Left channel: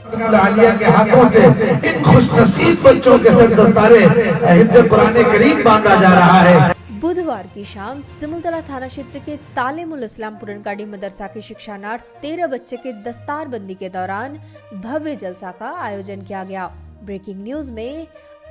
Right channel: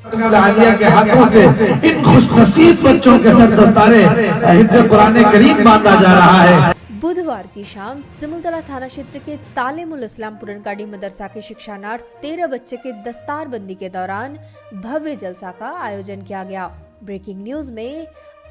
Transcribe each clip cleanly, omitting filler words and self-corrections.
आलिया के हाथों से इन खुशनसीब बच्चों के सर दस्तारे हिफ्ज़ कुरान करीम बांधा जा रहा है। बुधवार की शाम सिमुलतला थाना क्षेत्र के तालीमुल इस्लाम पुरनकाड़ी मदरसा के शिक्षानार्थ 13 बच्चे के दस्तारबंदी के दौरान भव्य जलसा का आयोजन किया गया। ब्रेकिंग न्यूज में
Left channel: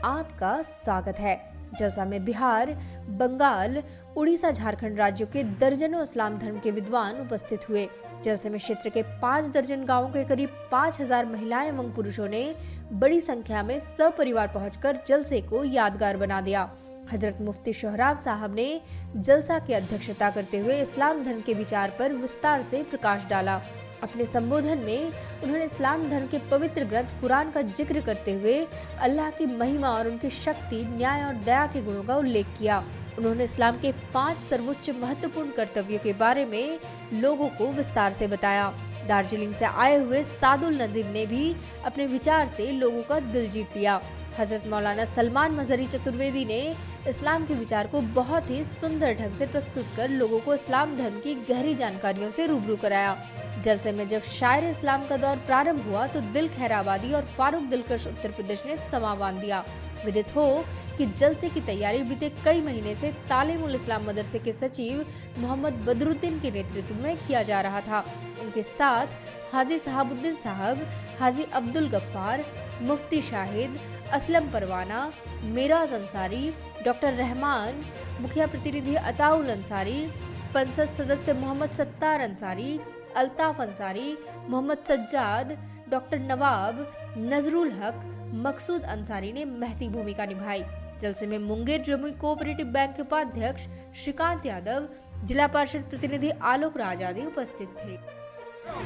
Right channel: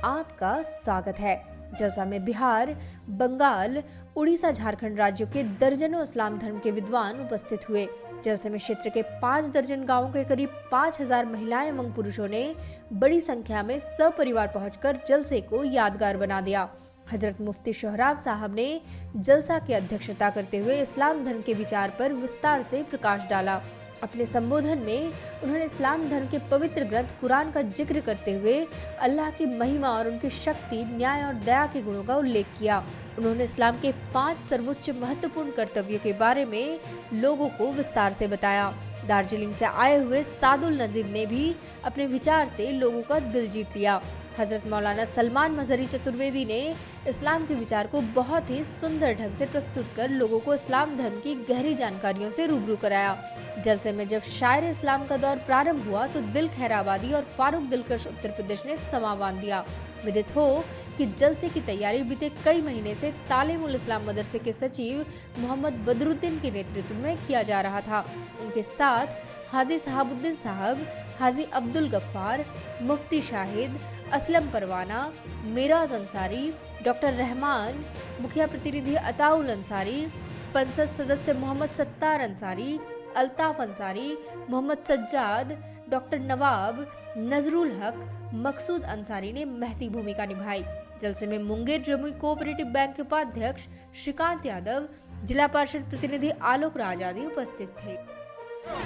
आपका स्वागत है। जलसा में बिहार, बंगाल, उड़ीसा, झारखंड राज्यों के दर्जनों इस्लाम धर्म के विद्वान उपस्थित हुए। जलसे में क्षेत्र के 5 दर्जन गांवों के करीब 5000 महिलाएं एवं पुरुषों ने बड़ी संख्या में सपरिवार पहुंचकर जलसे को यादगार बना दिया। हजरत मुफ्ती शोहराब साहब ने जलसा की अध्यक्षता करते हुए इस्लाम धर्म के विचार पर विस्तार से प्रकाश डाला। अपने संबोधन में उन्होंने इस्लाम धर्म के पवित्र ग्रंथ कुरान का जिक्र करते हुए अल्लाह की महिमा और उनकी शक्ति, न्याय और दया के गुणों का उल्लेख किया। उन्होंने इस्लाम के 5 सर्वोच्च महत्वपूर्ण कर्तव्यों के बारे में लोगों को विस्तार से बताया। दार्जिलिंग से आए हुए सादुल नजीब ने भी अपने विचार से लोगों का दिल जीत लिया। हजरत मौलाना सलमान मजहरी चतुर्वेदी ने इस्लाम के विचार को बहुत ही सुंदर ढंग से प्रस्तुत कर लोगों को इस्लाम धर्म की गहरी जानकारियों से रूबरू कराया। जलसे में जब शायर इस्लाम का दौर प्रारंभ हुआ तो दिल खैराबादी और फारूक दिलकश उत्तर प्रदेश ने समा बांध दिया। विदित हो कि जलसे की तैयारी बीते कई महीने से तालीमुल इस्लाम मदरसे के सचिव मोहम्मद बदरुद्दीन के नेतृत्व में किया जा रहा था। उनके साथ हाजी सहाबुद्दीन साहब, हाजी अब्दुल गफ्फार, मुफ्ती शाहिद, असलम परवाना, मिराज अंसारी, डॉक्टर रहमान, मुखिया प्रतिनिधि अताउल अंसारी, पंसद सदस्य मोहम्मद सत्तार अंसारी, अल्ताफ अंसारी, मोहम्मद सज्जाद, डॉक्टर नवाब, नजरुल हक, मकसूद अंसारी ने महती भूमिका निभाई। जलसे में मुंगेर जमुई कोऑपरेटिव बैंक के उपाध्यक्ष श्रीकांत यादव, जिला पार्षद प्रतिनिधि आलोक राज आदि उपस्थित थे।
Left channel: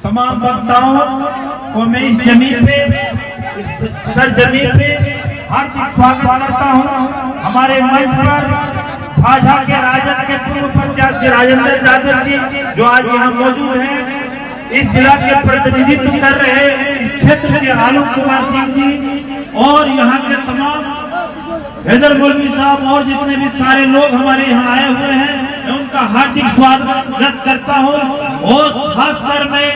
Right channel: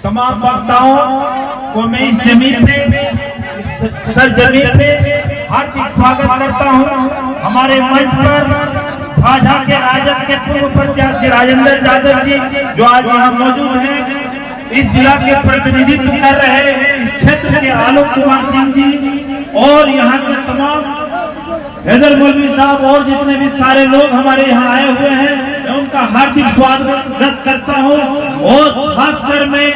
तमाम वक्ताओं को मैं इस जमीन पे, इस सरजमीन पे हार्दिक स्वागत करता हूँ। हमारे मंच पर झाझा के राजद के पूर्व प्रत्याशी राजेंद्र यादव जी जो आज यहाँ मौजूद हैं, इस जिला के प्रतिनिधित्व कर रहे इस क्षेत्र के आलोक कुमार सिंह जी और यहाँ के तमाम हैदर मौलवी साहब और जितने भी सारे लोग हमारे यहाँ आए हुए हैं, मैं उनका हार्दिक स्वागत करता हूँ। और खासकर मैं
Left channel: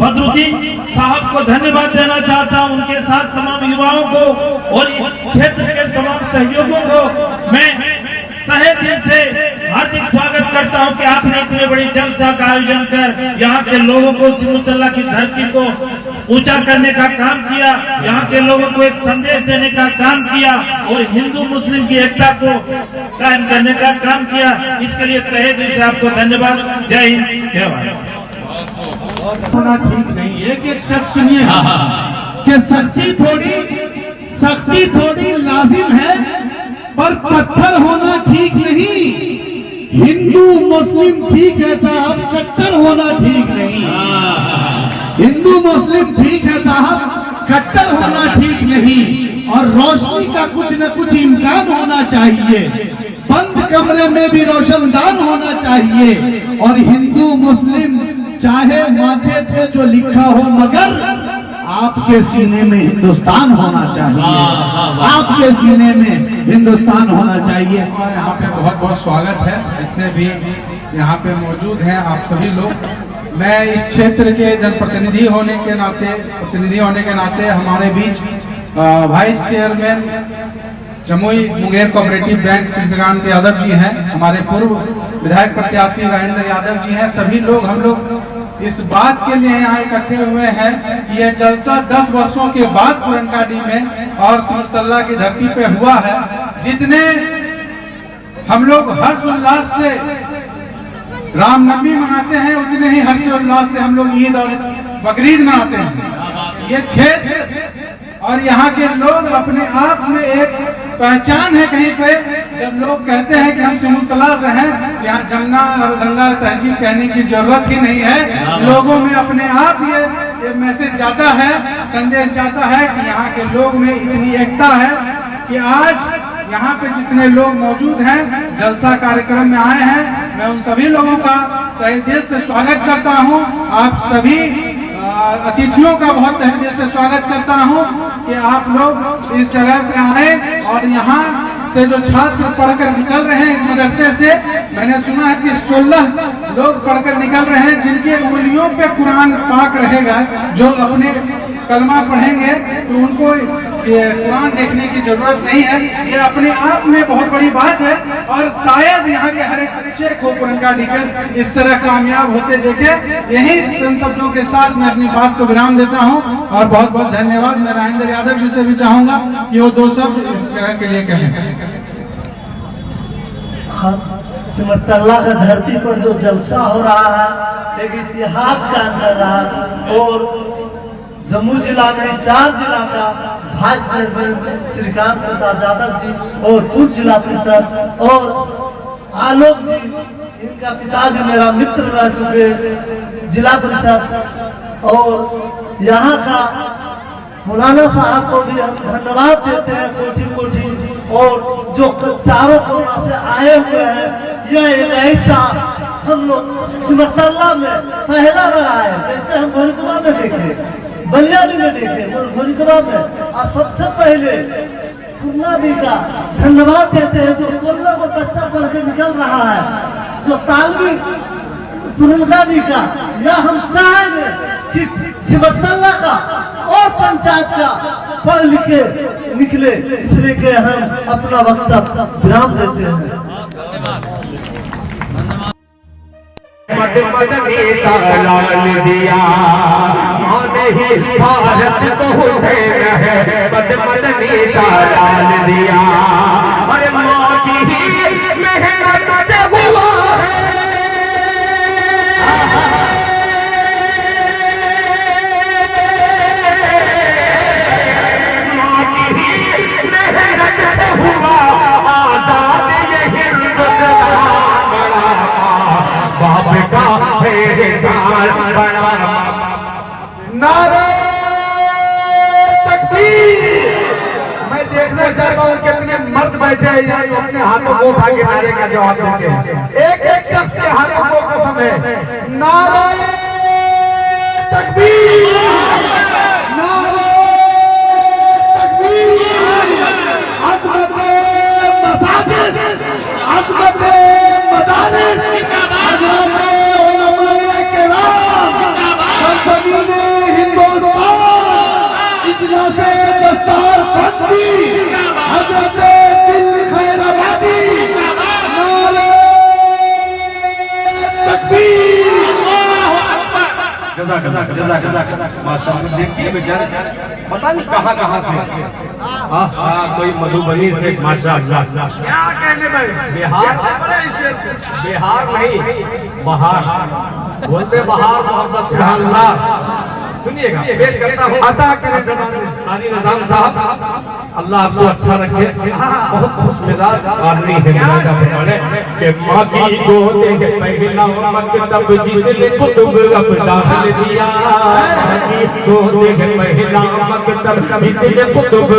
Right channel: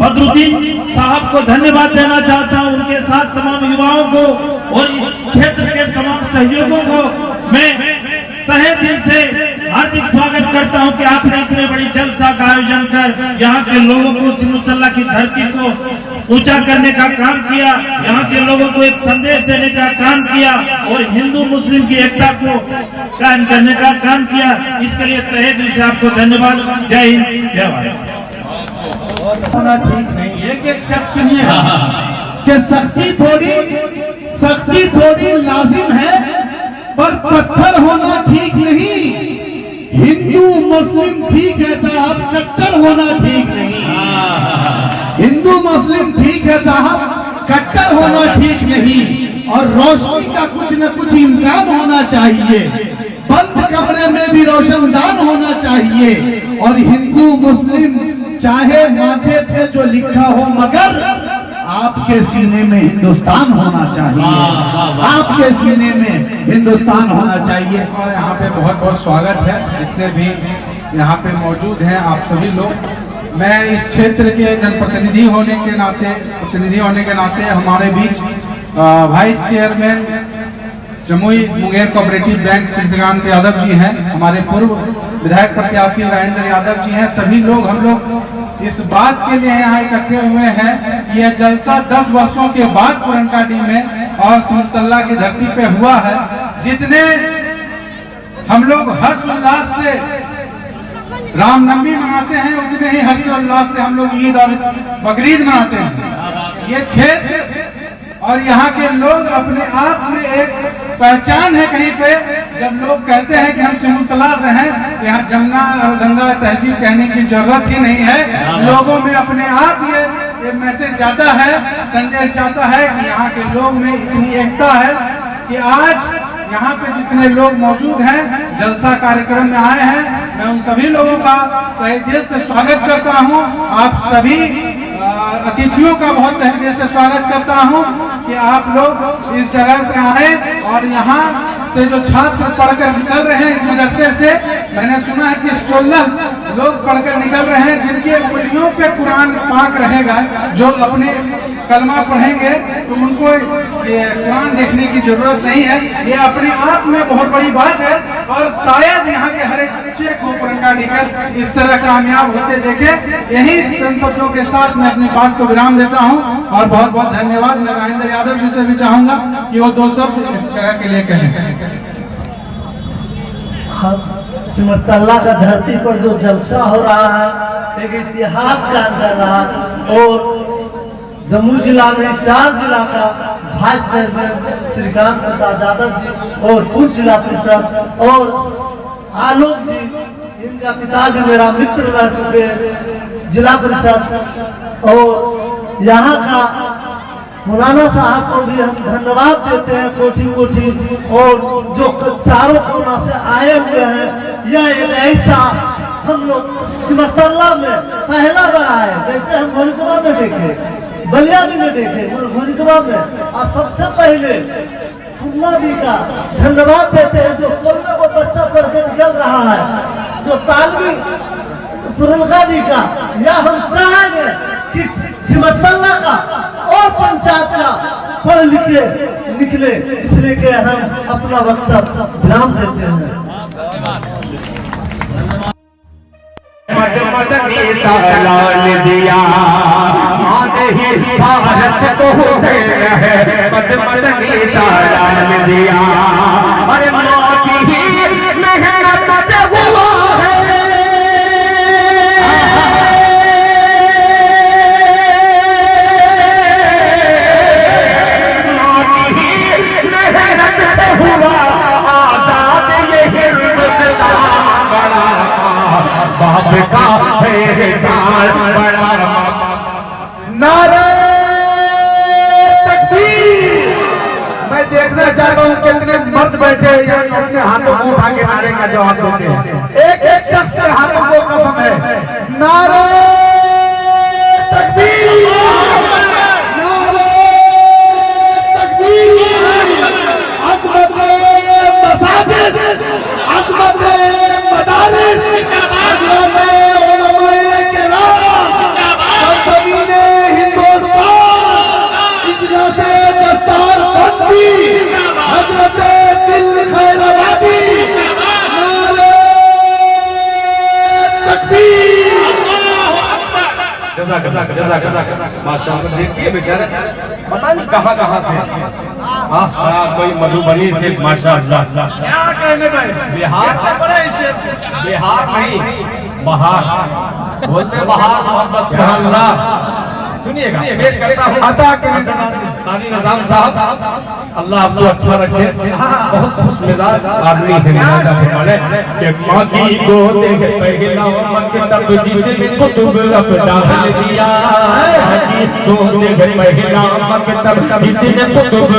बदरुद्दीन साहब को धन्यवाद देना चाहता हूँ, उनके साथ तमाम युवाओं को और इस क्षेत्र के तमाम सहयोगों को मैं तहे दिल से हार्दिक स्वागत करता हूं कि आपने इतने बड़ी जलसा का आयोजन कर यहाँ के लोगों को सिमुलतला की धरती को ऊंचा करने का काम किया, यहाँ के लोगों को एक संदेश देने का काम किया और हिंदू मुस्लिम की एकता को कायम करने का काम किया। इसके लिए तहे दिल से आपको धन्यवाद। जय हिंद, जय भारत। होना ठीक नहीं है कि एक शख्स सुनिए कि सख्ती थोड़ी लाजिम है पर पत्थर होना ठीक नहीं। हिंदू मुस्लिम ठीक है साहब, कट्टर होना ठीक नहीं। हिंदू मुस्लिम ठीक है साहब, कट्टर होना ठीक नहीं। और रोशनी का कुछ न कुछ इम्कान होना चाहिए, बंद कमरे में भी रोशनदान होना चाहिए। और हिंदू मुस्लिम चाहे माथे पे जो लिखा हो, मगर आपके सीने में हिंदुस्तान होना चाहिए, आपके सीने में हिंदुस्तान होना चाहिए। और यहाँ पे बहुत बहुत स्वागत है जितने भी यहाँ पे मौजूद हैं आप सभी लोग। मैं इस क्षेत्र के जनप्रतिनिधि होने के नाते हमारे बीच vice chairman Jamui Munger cooperative bank Shrikant Yadav ji हैं, हमारे पूर्व विधायक प्रत्याशी राजेंद्र यादव जी हैं। सभी लोग हम लोग इस बात के लिए यहाँ इकट्ठे हुए हैं कि यह जलसा 10 वर्षों के बाद पुरनकाड़ी में और सिमुलतला की धरती पे हुआ है। जितने हम लोग हर्षोल्लास से रामनवमी मनाते हैं, उतने ही हर्षोल्लास से हम लोग ईद और बकरीद मनाते हैं। ये क्षेत्र और यहाँ के लोग अपने आप में एक पहचान है। कहीं पे जब लोग कहते हैं कि हम सिमुलतला से हैं, यहाँ जमुना और गंगा तहसील कहने की जरूरत ही नहीं है। लोगों में अपने आप ये मैसेज जाता है, संदेश जाता है कि यहाँ के लोग में इतनी एकता है कि आज यहाँ पे जितने लोग मौजूद हैं, जलसा कार्यक्रम में आए हैं, मैं उन सभी लोगों का तहे दिल से स्वागत करता हूँ। आप सभी अतिथियों का बहुत तहे दिल से स्वागत करता हूँ कि आप लोग इस जगह पे आए और यहाँ से जो छात्र पढ़कर निकल रहे हैं इस मदरसे से, मैंने सुना है कि 16 लोग पढ़कर निकल रहे हैं जिनके उंगलियों पे कुरान पाक रहेगा, जो अपने कलमा पढ़ेंगे तो उनको ये कुरान देखने की जरूरत नहीं है। ये अपने आप में बहुत बड़ी बात है और शायद यहाँ के हर एक बच्चे को पुरनकाड़ी कर इस तरह कामयाब होते देखे। यही शब्दों के साथ मैं अपनी बात को विराम देता हूँ और बहुत बहुत धन्यवाद। मैं राजेंद्र यादव जी से भी चाहूंगा कि वो 2 शब्द इस जगह के लिए कहें। सिमरतल्ला का धरती पर जो जलसा हो रहा है एक इतिहास कायम कर रहा है और जम्मू जिला में 4 जिला का वाइस चेयरमैन श्रीकांत प्रसाद यादव जी और पूर्व जिला परिषद और आलोक जी, इनका पिताजी मेरा मित्र रह चुके जिला परिषद और यहाँ का मौलाना साहब को भी हम धन्यवाद देते हैं कोटि कोटि। और जो चारों कोना से आए हुए हैं, यह एक ऐसा हम लोग सिमरतल्ला में पहला बार आए, जैसे हम गोरिकवा में देखे, बलियानी में देखे, गोरिकवा में। और सबसे पहले पूर्णाडी का धन्यवाद देते हैं जो 16 को बच्चा पढ़ के निकल रहा है, जो तालवी पूर्णकाडी का। यह हम चाहेंगे कि सिमरतल्ला का और पंचायत का पढ़ लिखे निकले, इसलिए के हम अपना वक्तव्य विराम देते हैं। लाल दिया भारत को लाल दिया, अरे माँ की मेहनत हुआ नारे तकबीर। मैं देखना चाहता हूँ कितने मर्द बैठे हैं यहाँ अपने हाथों को उठा के नारे का जवाब देते हैं। एक एक शख्स के हाथों को कसम है। नारे तकबीर, नारे तकबीर। अज़मत मसाजिद, अज़मत मदारिस, माशाअल्लाह। देखिए बेचारे पता नहीं कहाँ से, हाँ कोई मधुबनी से, माशाअल्लाह। क्या कहने भाई, बिहार नहीं बहार बोलते, बहार मोहब्बत अल्लाह। सुनिएगा, पेश करता हूँ अता करें तारी निजाम साहब, अल्लाह आपको अच्छा रखे। बहुत खुश मिजाज आदमी है कि माँ की गोद है पहला मकतब जिसने कुतुब डाल दिया, माँ की गोद है पहला मकतब जिसने कुतुब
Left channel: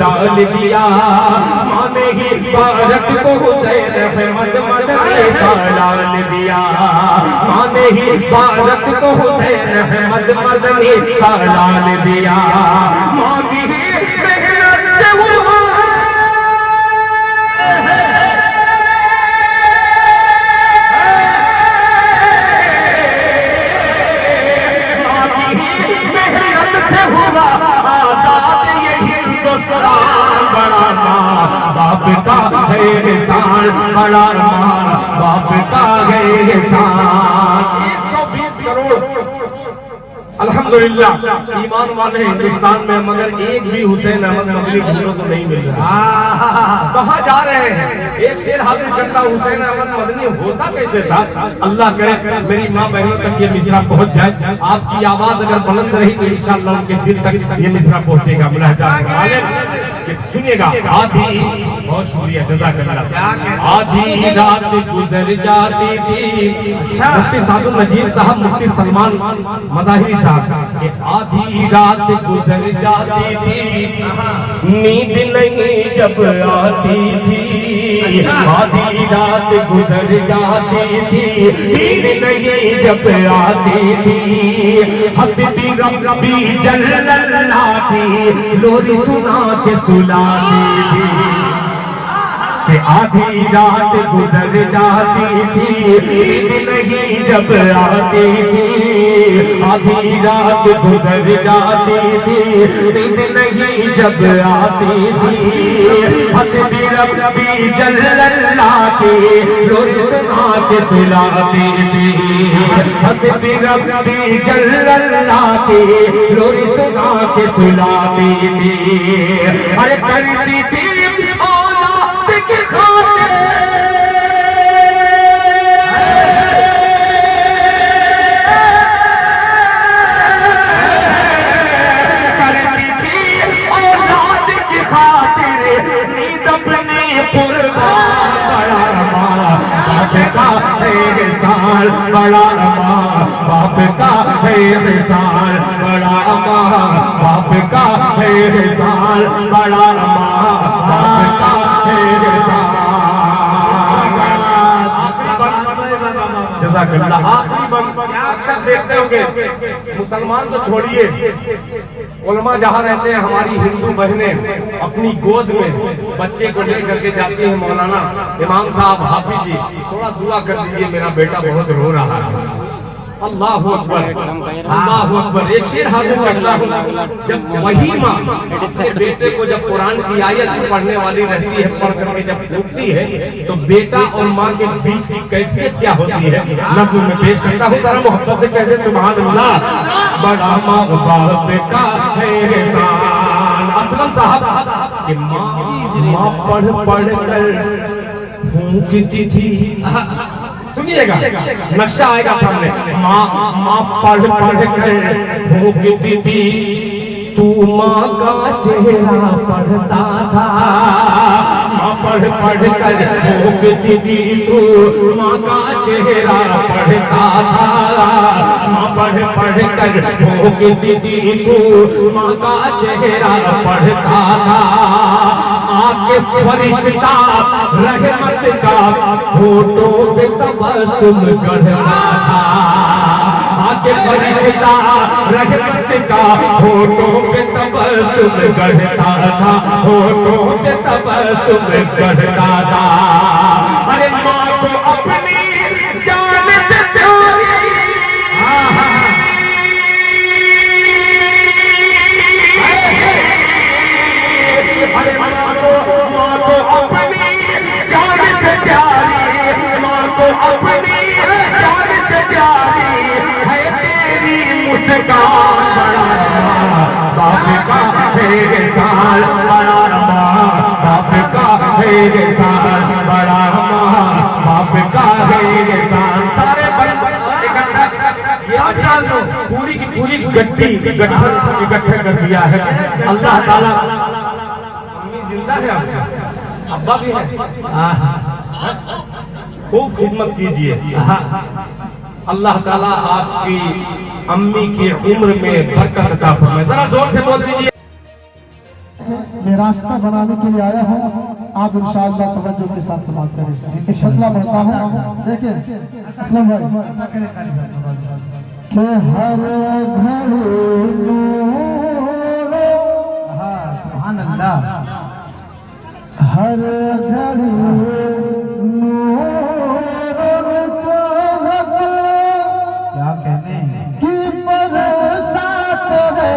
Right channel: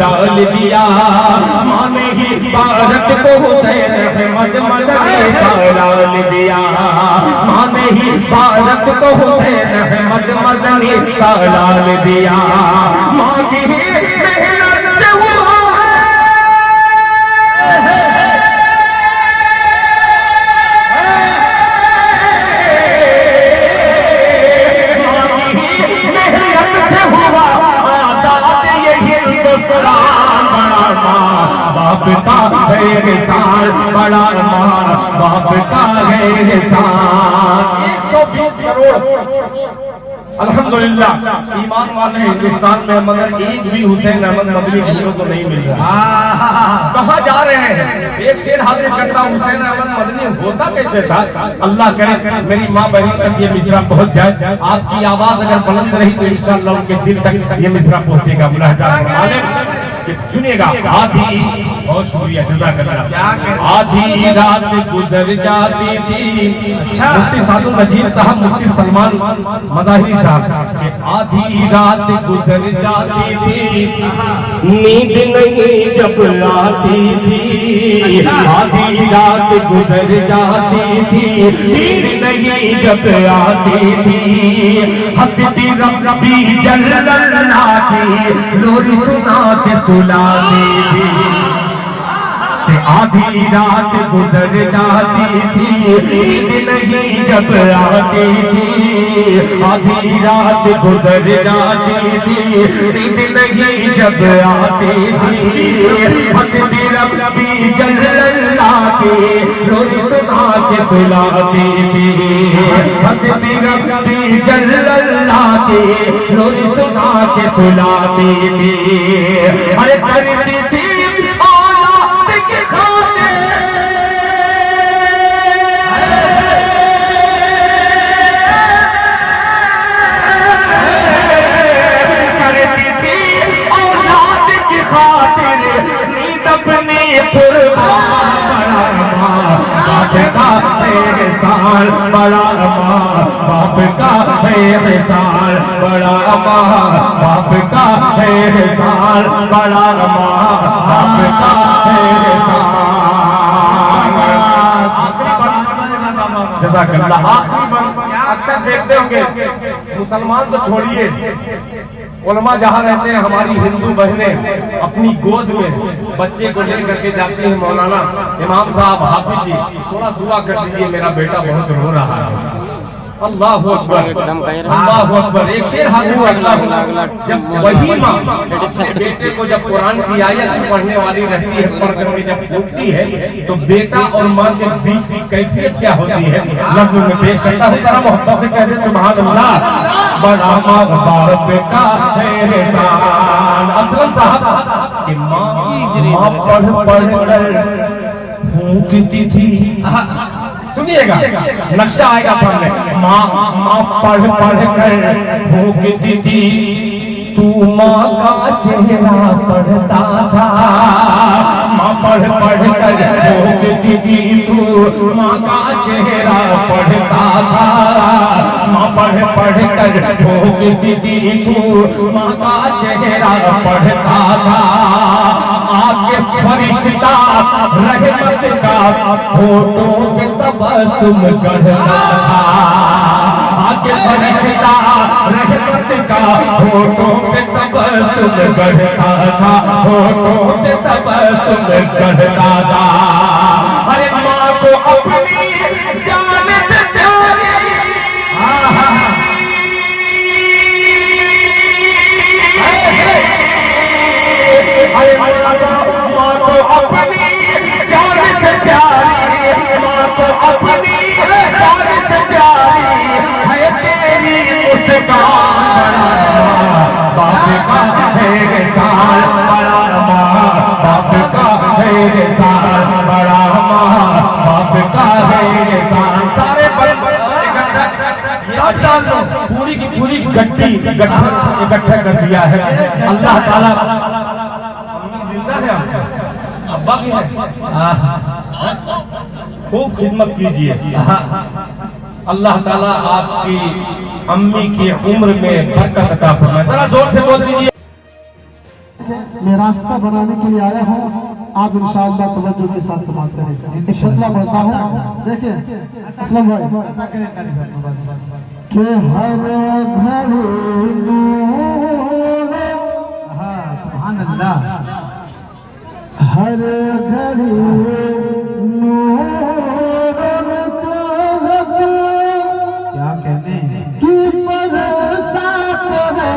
डाल दिया। माँ ने ही भारत को हुसैन रहमत मदनी का लाल दिया, माँ ने ही भारत को हुसैन रहमत मदनी का लाल दिया। माँ की बाप का गए ताल बड़ा मान, बाप का गए ताल। 120 करोड़ अल्हम्दुलिल्लाह ईमान वाले हिंदुस्तान में, मगर एक भी हुसैन अहमद मदनी भूलो तो नहीं मिल रहा। कहाँ जा रहे हैं? एक शेर हाजिर करता, हुसैन अहमद मदनी होता कैसे था? अल्लाह करे मेरी माँ बहनों तक ये मिसरा पहुँच जाए। आपकी आवाज अगर बुलंद रही तो इंशाअल्लाह उनके दिल तक ये मिसरा पहुँचेगा। सुनिएगा, आधी, बहुत शुक्रिया जज़ाकल्लाह। आधी रात गुजर जाती थी, मुफ्ती साधु नजीर साहब, मुफ्ती सलमान मज़ाहिरी साहब कि आधी रात गुजर जाती थी, नींद नहीं जब आती थी। आधी रात गुजर जाती थी, नींद नहीं जब आती थी। हंसती रब्बी जल्लल्लाह थी, लोरी सुना के सुनाती थी। आधी रात गुजर जाती थी, नींद नहीं जब आती थी। आधी रात गुजर जाती थी, नींद नहीं जब आती थी। हंसती रब्बी जल्लल्ला के लोरी सुना के सुलाती थी। हंसती रब्बी जल्लल्ला के लोरी सुना के सुलाती थी। अरे करती थी औलाद की खातिर, करती थी औलाद की खातिर नींद अपनी कुर्बान। बाप का एहसान बड़ा अमां, बाप का एहसान बड़ा अमां, बाप का एहसान बड़ा अमां, बाप का एहसान। जज़ाकल्लाह। अक्सर देखते होंगे मुसलमान तो छोड़िए, उलमा जहाँ रहते हैं हमारी हिंदू बहनें अपनी गोद में बच्चे को लेकर के जाती हैं। मौलाना इमाम साहब, हाफिज जी, थोड़ा दुआ कर दीजिए, मेरा बेटा बहुत रो रहा है। अल्लाह अकबर, अल्लाह अकबर। एक शेर जब वही माँ अपने बेटे को जब कुरान की आयत पढ़ने वाली रहती है, पर्दे में जब फूटती है, तो बेटा और माँ के बीच की कैफियत क्या होती है लफ्ज़ों में पेश करता हूँ। जरा मोहब्बत से कहते सुभान अल्लाह। बड़ा बाप का एहसान। असलम साहब कि माँ पढ़ कर फूंकती थी। सुनिएगा, नक्शा आएगा सामने। माँ पढ़ कर फूंकती थी, तू माँ का चेहरा पढ़ता था। माँ पढ़ कर फूंकती थी, तू माँ का चेहरा पढ़ता था। माँ पढ़ कर फूंकती थी, तू माँ का चेहरा पढ़ता था। आके फरिश्ता रहमत का फोटो पे तबस्सुम करता था। आके फरिश्ता रहमत का फोटो पे तबस्सुम करता था, फोटो पे तबस्सुम करता था। अरे माँ को अपनी जान से प्यारी, अरे माँ को अपनी जान से प्यारी, माँ को अपनी जान से प्यारी है तेरी मुस्कान। बाप का एहसान बड़ा अमां, बाप का एहसान बड़ा अमां, बाप का एहसान। सारे पूरी की पूरी गड्डी इकट्ठा कर दिया है अल्लाह ताला। जिंदा है, अब्बा भी है, खूब खिदमत कीजिए। अल्लाह ताला आपकी अम्मी की उम्र में बरकत अता फरमाए। जरा जोर से बोल दीजिए। मैं रास्ता बनाने के लिए आया हूँ, आप इंशाअल्लाह तवज्जो के साथ समाप्त करें। एक फतवा पढ़ता हूँ, देखिए असलम भाई के हर घड़ी नूर, सुभान अल्लाह, हर घड़ी नूर निकलत, क्या कहने की बरसात है,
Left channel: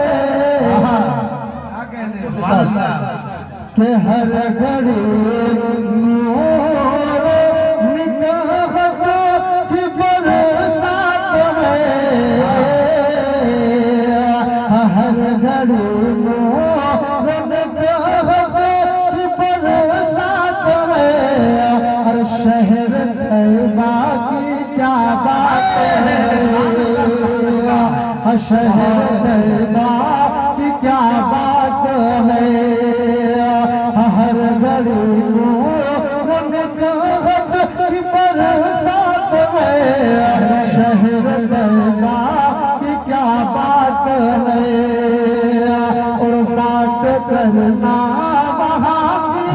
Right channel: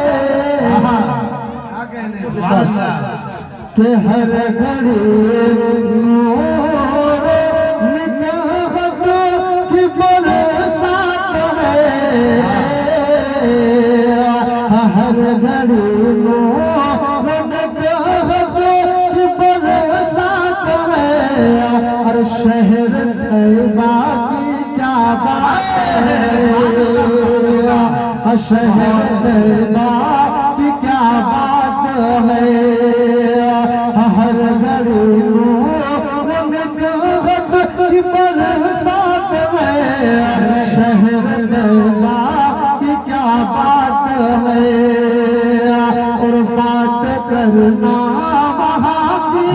क्या कहने के हर घड़ी नूर निकलत की बरसात है, हर घड़ी नूर निकलत की बरसात है। हर शहर तैयबा की क्या बात है, शहर तैयबा की क्या बात है। हर घड़ी निकलत की बरसात है, शहर तैयबा की क्या बात है। और बात करना वहाँ की,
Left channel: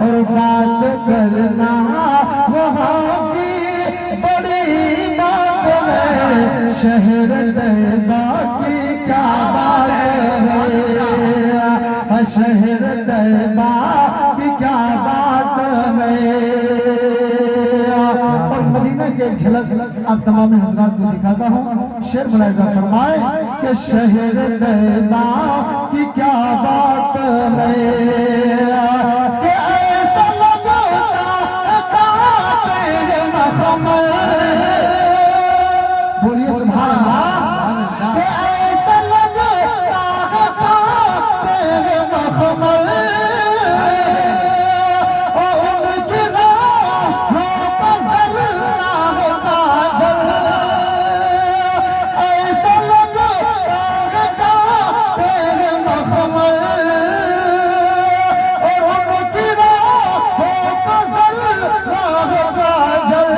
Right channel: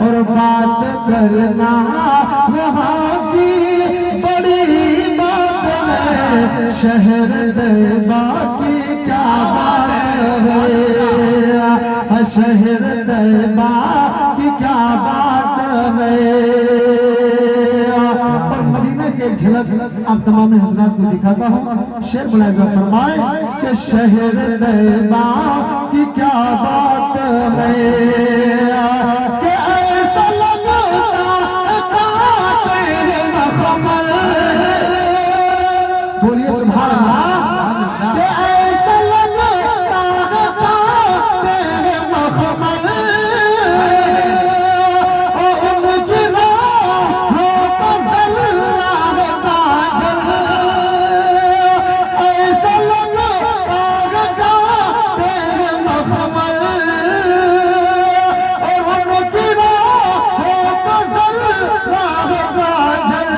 और बात करना वहाँ की बड़ी बात है, शहर तैयबा की क्या बात है। शहर तैबा की क्या बात में। और मदीने की एक झलक आप तमाम हजरात को दिखाता हूँ। शेर मुलाहिजा फरमाए कि शहर तैबा की क्या बात में, कि ऐसा लगता तेरे मखमल, बोलिए सुभान अल्लाह, कि ऐसा लगता तेरे मखमल, और उनकी राहों का ज़र्रा काजल, ऐसा लगता तेरे मखमल, और उनकी राहों का ज़र्रा काजल।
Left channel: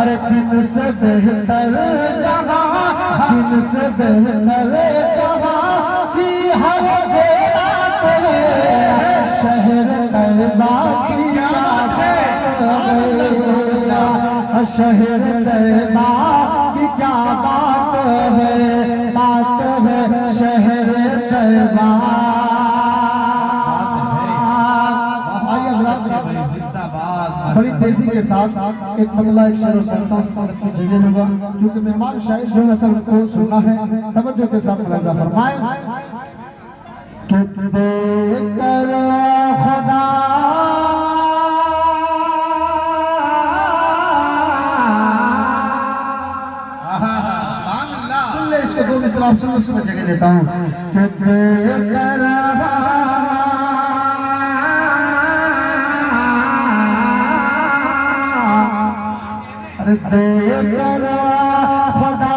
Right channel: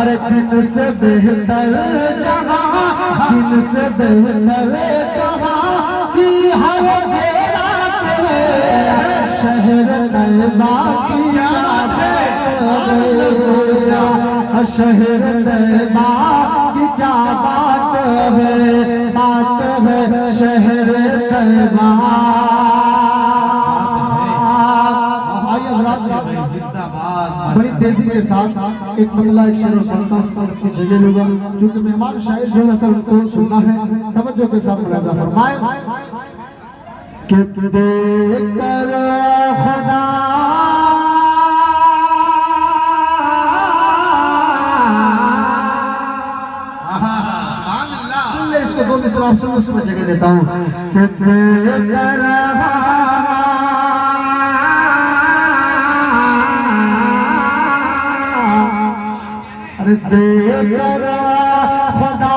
अरे दिन से बेहतर जहाँ, दिन से बेहतर जहाँ की हर बेरा तेरे शहर तैबा की बात है, शहर तैबा की क्या बात है, बात है शहर तैबा। बड़ी तेजी के साथ एक बंगला एक शेर बोलता उसका जगह लूंगा, क्योंकि मेहमान शायद जो असल को सुनना है। तवज्जो के साथ मुलाहिजा फरमाए कि देकर खुदा सुन ले इसको, दो मिसरा सुन लो, उसको जगह देता हूँ कि देकर देकर खुदा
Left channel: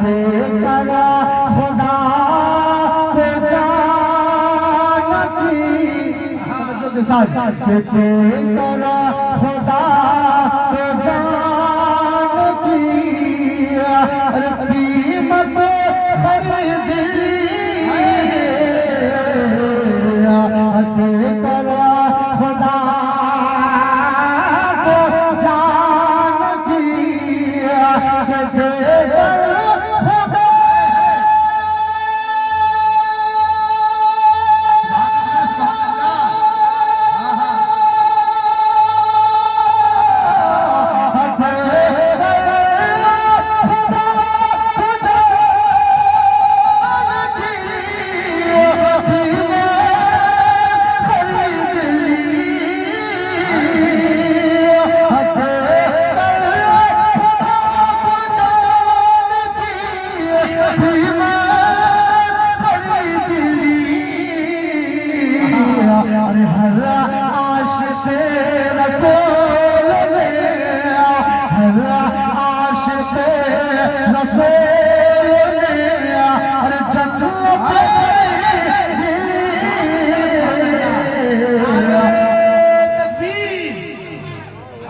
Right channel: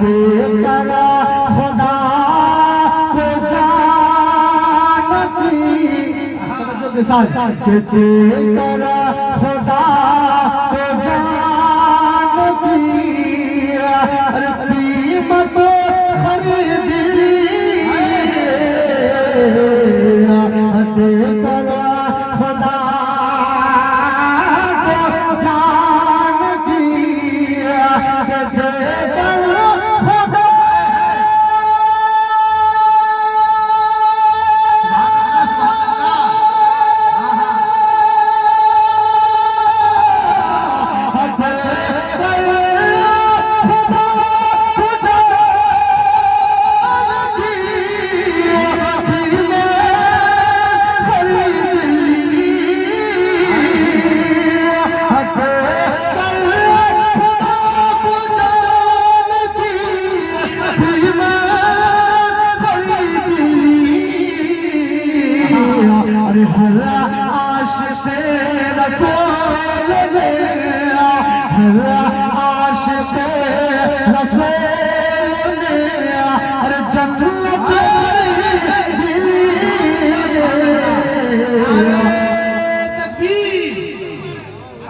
देकर खुदा को जानती, देकर खुदा को जानती, कीमत खरीद खुदा को जान किया,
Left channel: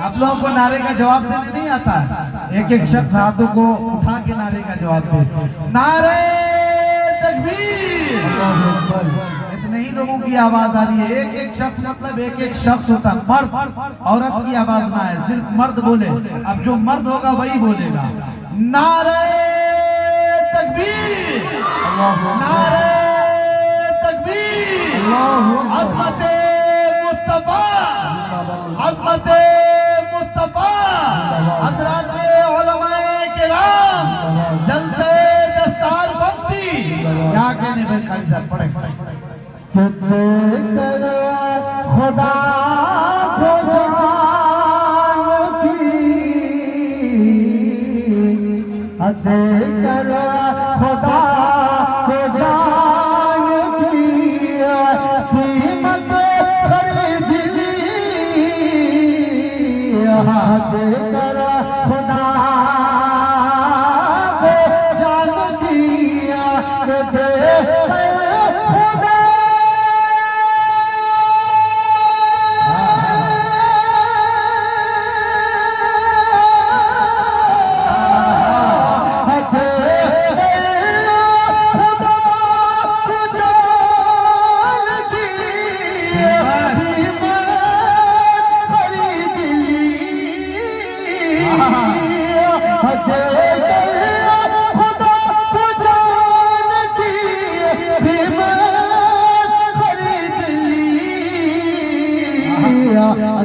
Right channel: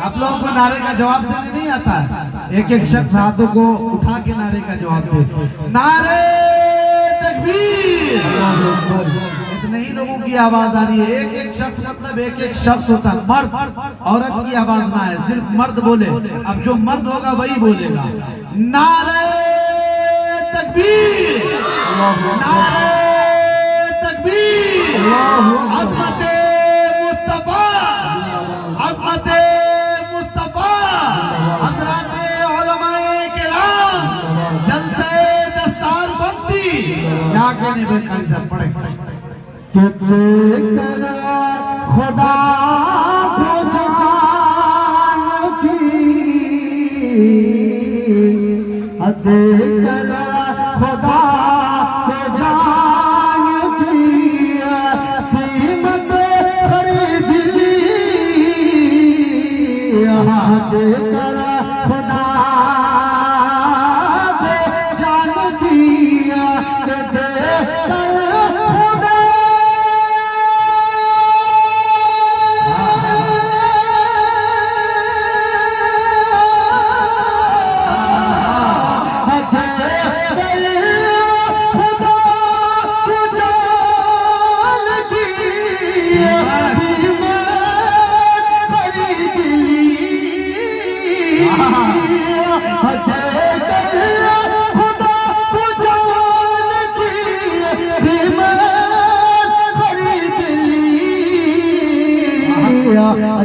आप लोगों को नारे का जवाब देने नहीं आता है। एक एक शख्स हाथों को उठा के नारे का जवाब दे, नारे तकबीर। इतने ही लोगों की आवाज आ रही है। एक एक शख्स मतलब एक एक शख्स होता, मर्द औरत की आवाज ना है, सिर्फ मर्द बोले। अब जो मर्द होगा वही बोलेगा, नारे तकबीर, नारे तकबीर। अज़मते मुस्तफा, अज़मते मुस्तफा, हज़राते उलमाए किराम, जलसे दस्तार बंदी। क्या कहने भाई, खाली साहब पढ़े। खुदा को जान की, देकर खुदा को जान की, कीमत खरीद ली, देकर खुदा को जान किया, देकर खुदा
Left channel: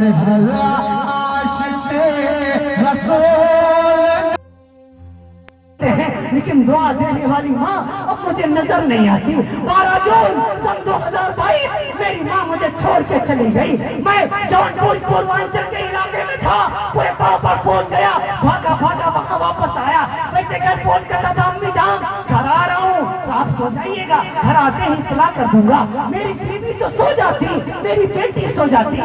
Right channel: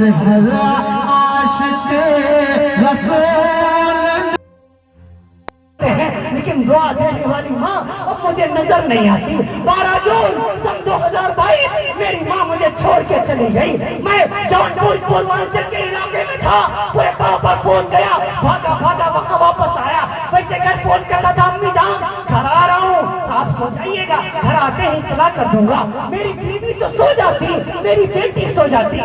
घर घर आशिक़े रसूल, लेकिन दुआ देने वाली माँ अब मुझे नजर नहीं आती। 12 जून सन 2022 मेरी माँ मुझे छोड़ के चली गई। मैं जौनपुर पूर्वांचल के इलाके में था, पूरे तौर पर फोन गया, भागा भागा वहाँ वापस आया। वैसे घर फोन करता था, अम्मी जान घर आ रहा हूँ, तो आप सो जाइएगा, घर आते ही इत्तला कर दूंगा। मेरी बीवी तो सो जाती, मेरी बेटी सो जाती,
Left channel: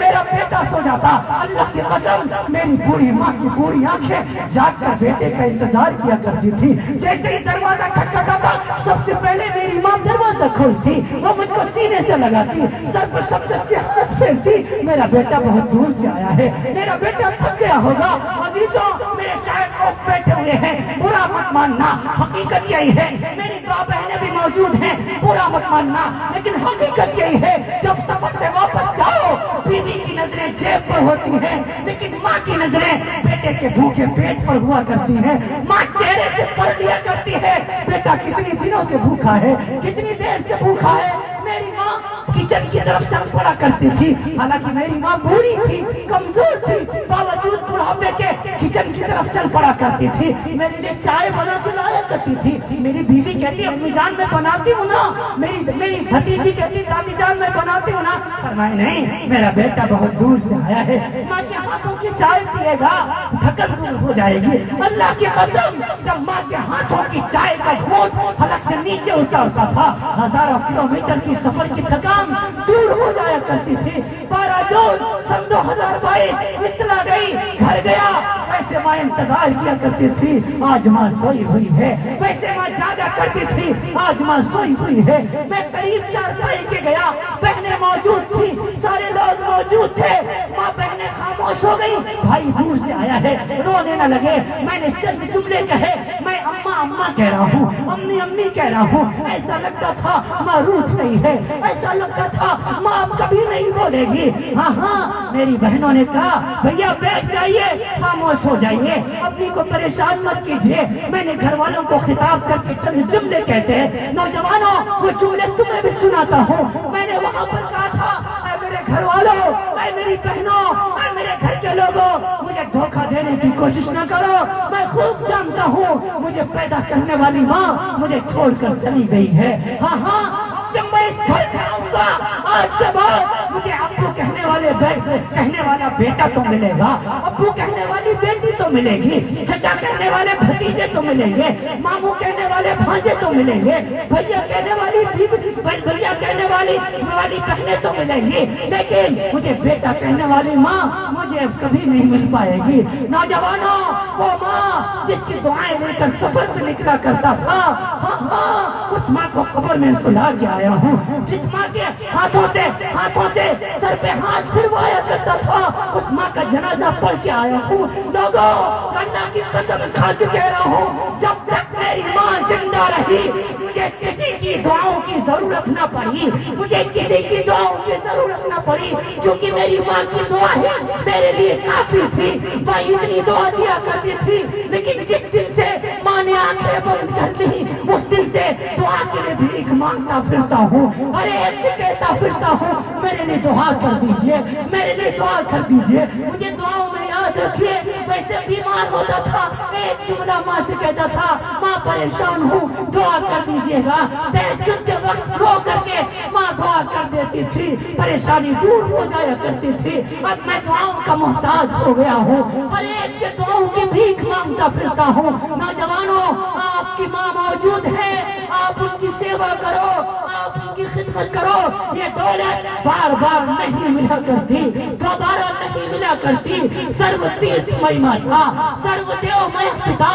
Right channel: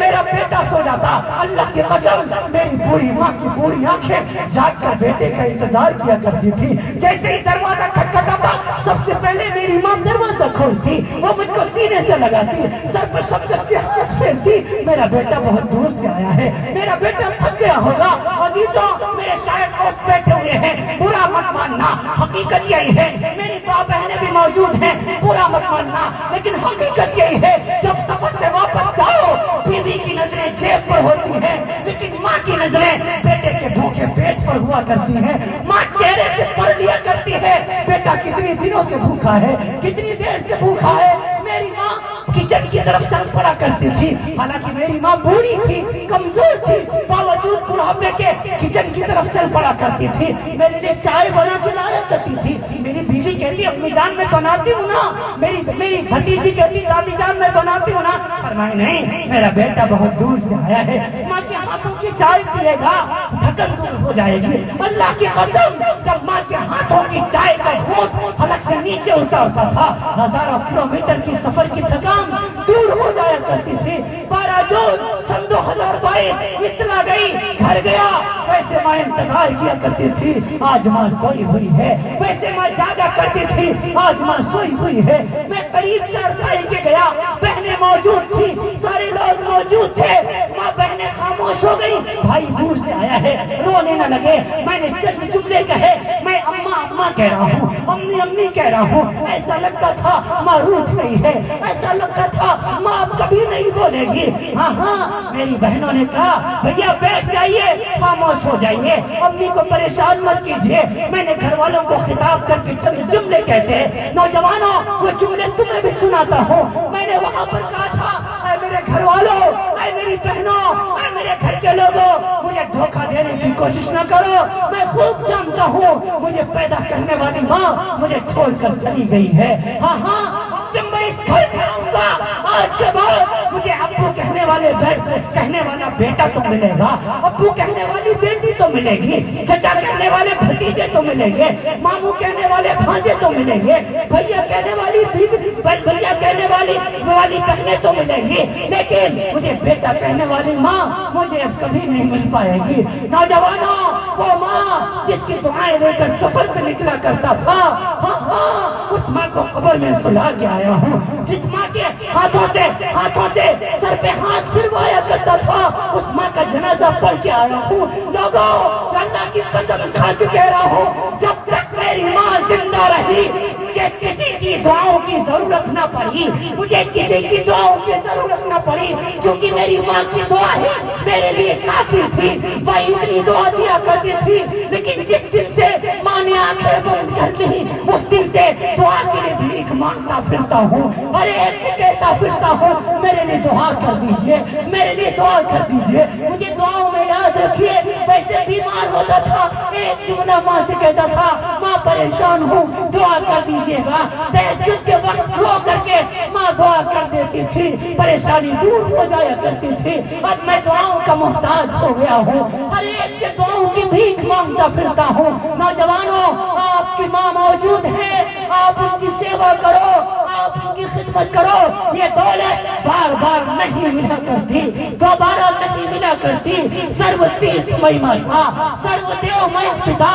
मेरा बेटा सो जाता। अल्लाह की कसम मेरी बूढ़ी माँ की बूढ़ी आंखें जाकर बेटे का इंतजार किया करती थी। जैसे ही दरवाजा खटखटाता सबसे पहले मेरी माँ दरवाजा खोलती, वो मुझको सीने से लगाती, सर पर शब्द से हाथ फेरती, मेरा बेटा बहुत दूर से आया है, मेरा बेटा थक गया होगा। अजीजों, मेरे शायद दोस्त बैठे हुए हैं, बुरा मत मानना, हकीकत यही है। मेरी माँ बहनें भी मौजूद हैं, बुरा मत मानना, लेकिन हकीकत यही है। जब सफर से वापस जाओ, बीवी की नजरें जेब पर होती हैं, लेकिन माँ की नजरें बेटे के भूखे पेट पर हुआ करती हैं। माँ चेहरे से पढ़ लिया करती है, बेटा कितनी दिनों से भूखा है, कितनी देर से भूखा है। मेरी माँ किचन की तरफ चल पड़ा करती थी, हालांकि मेरी माँ बूढ़ी थी, कमजोर थी, बावजूद बुढ़ापे के किचन की तरफ चल पड़ा करती थी। मेरे लिए चाय बना के लाया करती थी। मेरी बीवी कहती, अपनी जान मैं बनाती हूँ ना, मेरी भतीजी कहती, दादी जान मैं बनाती हूँ ना। फरमाए नहीं, मेरा बेटा बहुत दूर से आया है, माँ के हाथों की चाय पिएगा, थकन दूर हो जाएगी। अल्लाह की कसम, जब माँ के हाथों की चाय का घूंट हलक से नीचे उतरता था, हजारों किलोमीटर की सफर की थकान दूर हो जाया करती थी। 12 जून सन 2022 इत्तला गई, घर गया। वैसे माँ इंतजार किया करती थी, आज माँ सोई हुई है। वैसे माँ जागा करती थी, आज माँ सोई हुई है। मैं करीब 4 भाई के गया, बहनें मौजूद थी, सारे लोग मौजूद थे। माँ बहनें खामोश हो गई, भाई दूर से आया है, रोने न लगे। मैंने चंद जुमले कहे, मैं अम्मा अम्मा कह रहा हूँ, अम्मी अम्मी कह रहा हूँ। ऐसा लगता था माँ रूठ नहीं है, ऐसा लगता था माँ अब कभी नहीं बोलेगी। हाँ हाँ, मेरी बहनों ने कहा, भैया बैठ जाइए, खामोश हो जाइए, अम्मी को परेशान मत कीजिए। मैंने घर वालों को खिताब करके चंद जुमले कहते हैं, नौजवानों वो जुमले तुम्हें भी सुनाता हूँ। मैंने वहाँ पर कहा था, मेरे घर वालों, मेरी बहनों, मेरे घर के लोगों, मुझे धोखा देने की कोशिश न करो। मैं खूब जानता हूँ मुझे पैदा करने वाली माँ मुझे छोड़कर चली गई है। हाँ हाँ, जब मैं इस घर में आऊंगा, आज के बाद मुझे अब्बू कहने वाला बेटा तो मिलेगा, अब्बू कहने वाली बेटी तो मिलेगी, चचा कहने वाले भतीजे तो मिलेंगे, मामू कहने वाले भांजे तो मिलेंगे, भैया कहने वाली भैया कहने वाली बहनें तो मिलेंगी, लेकिन मुझे बेटा कहने वाली माँ मुझे कभी नहीं मिल पाएगी। नौजवानों, वो माँ जिसकी दुआएं लेकर सफर पे निकला करता था, हाँ हाँ, उस माँ को कब्र में सुला के आया हूँ। जिस माँ के हाथों से सर पे हाथ फिरवाया करता था, उस माँ का जनाजा पढ़ के आया हूँ। लोगों, अल्लाह की कसम खा के कह रहा हूँ, जब तक मेरी माँ जिंदा रही, मुझे किसी की दुआओं की जरूरत ना पड़ी, मुझे किसी की दुआओं की जरूरत ना पड़ी, क्योंकि मेरी माँ की दुआ है मेरे लिए काफी थी। वो इतनी दुआ दिया करती थी, लेकिन जिस दिन से माँ ने आंखें बंद कर दी, उस दिन से दुआ के लिए भीख मांगता फिरता हूँ, अरे ऐसे कहता फिरता हूँ, मेरे लिए दुआ कर दीजिए, मेरे लिए दुआ कर दीजिए। मुझे दुआओं में याद रखिए, वैसे बीमार होता था, एक जुमला माँ से कहता था, माँ परेशान हूँ, दुआ कर दीजिएगा। तहज्जुद के वक्त रो करके माँ दुआ कर देती थी, परेशानी दूर हो जाया करती थी। अब मैं दुआओं का मोहताज हो गया हूँ, हर एक से दुआओं की भीख मांगता फिरता हूँ। नौजवानों, आपकी माँ मौजूद है, आप उनकी सेवा करो, आप उनकी खिदमत करो। ये दौलत बार बार नहीं मिला करती, दोबारा नहीं मिला करती। सर्व तीर्थमय माता, सर्वदेवमय पिता